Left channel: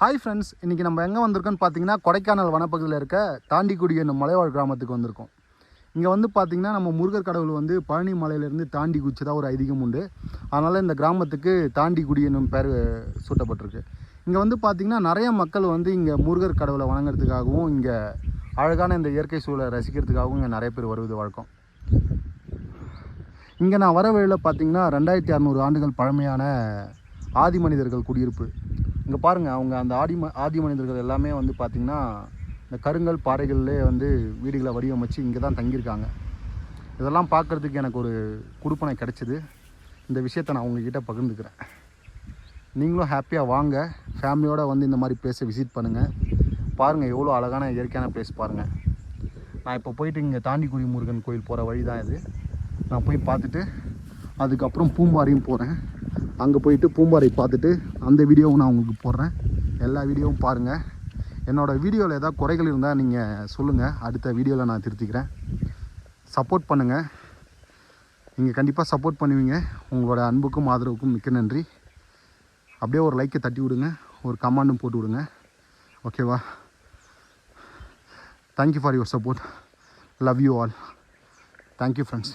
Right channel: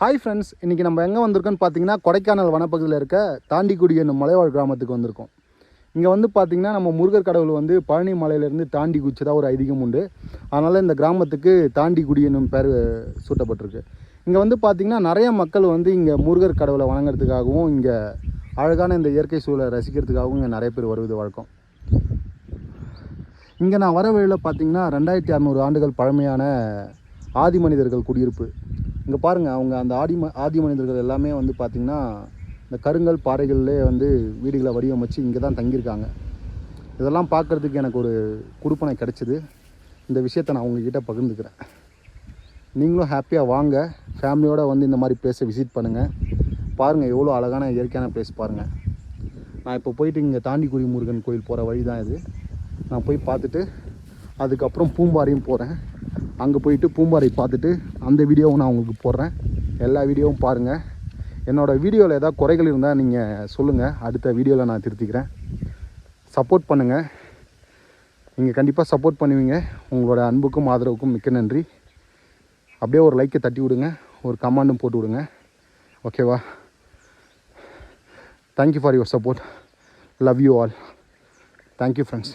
Hi friends, இன்றைக்கி நம்ம எங்கே வந்திருக்கோன்னு பார்த்தீங்கன்னா கொடைக்கானல் வனப்பகுதியில் இருக்க தாண்டிக்குடி என்னும் மலைவாழ் கிராமத்துக்கு வந்திருக்கோம். இங்கே வந்து பார்த்திங்கன்னா நம்ம முருகர் கடவுள் வந்து பழனி மலையிலேருந்து தாண்டி குச்சிதாக ஒரு ஐதீகம் உண்டு. அதனால் இந்த கிராமத்துக்கு தாண்டிக்குடி என்னும் பேர் சூட்டப்பட்டிருக்கு. இங்கே வந்து பார்த்திங்கன்னா நிறைய மக்கள் வந்து இங்கே முருகர் கடவுளை வணங்குறதுக்காகவும் இங்கே அழகான இந்த இயற்கை சூழலை ரசிக்கிறதுக்காகவும் இங்கே நிறைய பேர் வருவது வழக்கம். இங்கே நான் வர வழியில் பார்த்திங்கன்னா 2600 ஆண்டுகள் பழமையான ஆதி மனிதர்கள் குடியிருப்பு. இங்கே பாருங்கள், அவங்க அந்த ஆதி மனிதர்கள் எல்லாமே வந்து பார்த்திங்கன்னா இந்த கருங்கல் பாறைகளிலே வந்து வீடுகளை வடிவமைச்சு இங்கே தான் தங்கியிருக்காங்க. இதெல்லாம் பார்க்குறதுக்கு எனக்கு ஒரு கொடுப்பனை கிடச்சிது. இந்த விஷயத்தை நான் உங்கள்கிட்ட பகிர்ந்துக்கிறேன். நீங்களும் ஹாப்பியாக வாங்க, ஃபேமிலியோடு வந்து இந்த மாதிரி பிளேஸை விசிட் பண்ணுங்கள். பாருங்கள், எவ்வளோ அழகான இயற்கையான பிளேஸ் பாருங்கள். நான் இப்போ போயிட்டு இங்கே தாண்டிக்குடி முருகன் கோயில் போகிற வழி தான் இது. நான் போய் பார்த்துட்டு அதுக்கப்புறம் பூம்பாறையும் போகிறேன். அங்கே போயிட்டு பூம்பாறை பார்த்துட்டு அந்த வீடியோவும் நான் உங்களுக்கு போடுறேன். எல்லா வீடியோவும் பாருங்கள். என்னோடய வீடியோவில் ஏதாவது குறைகள் இருந்தால் நீங்கள் சொல்லுங்கள், அடுத்த வீடியோவில் நான் திருத்திக்கிறேன். சப்போர்ட் பண்ணுங்கள். நீங்கள் கண்டிப்பாக சப்போர்ட் பண்ணுவீங்க. உங்களோட அன்புக்கும் ஆதரவுக்கும் மிக்க நன்றி. அப்படியே ஒரு லைக்கை தட்டி விடுங்க, ஒரு கமெண்டும் போட்டு விடுங்க. ஓகேவா? Thank you for your support. Love you all. Thank you friends.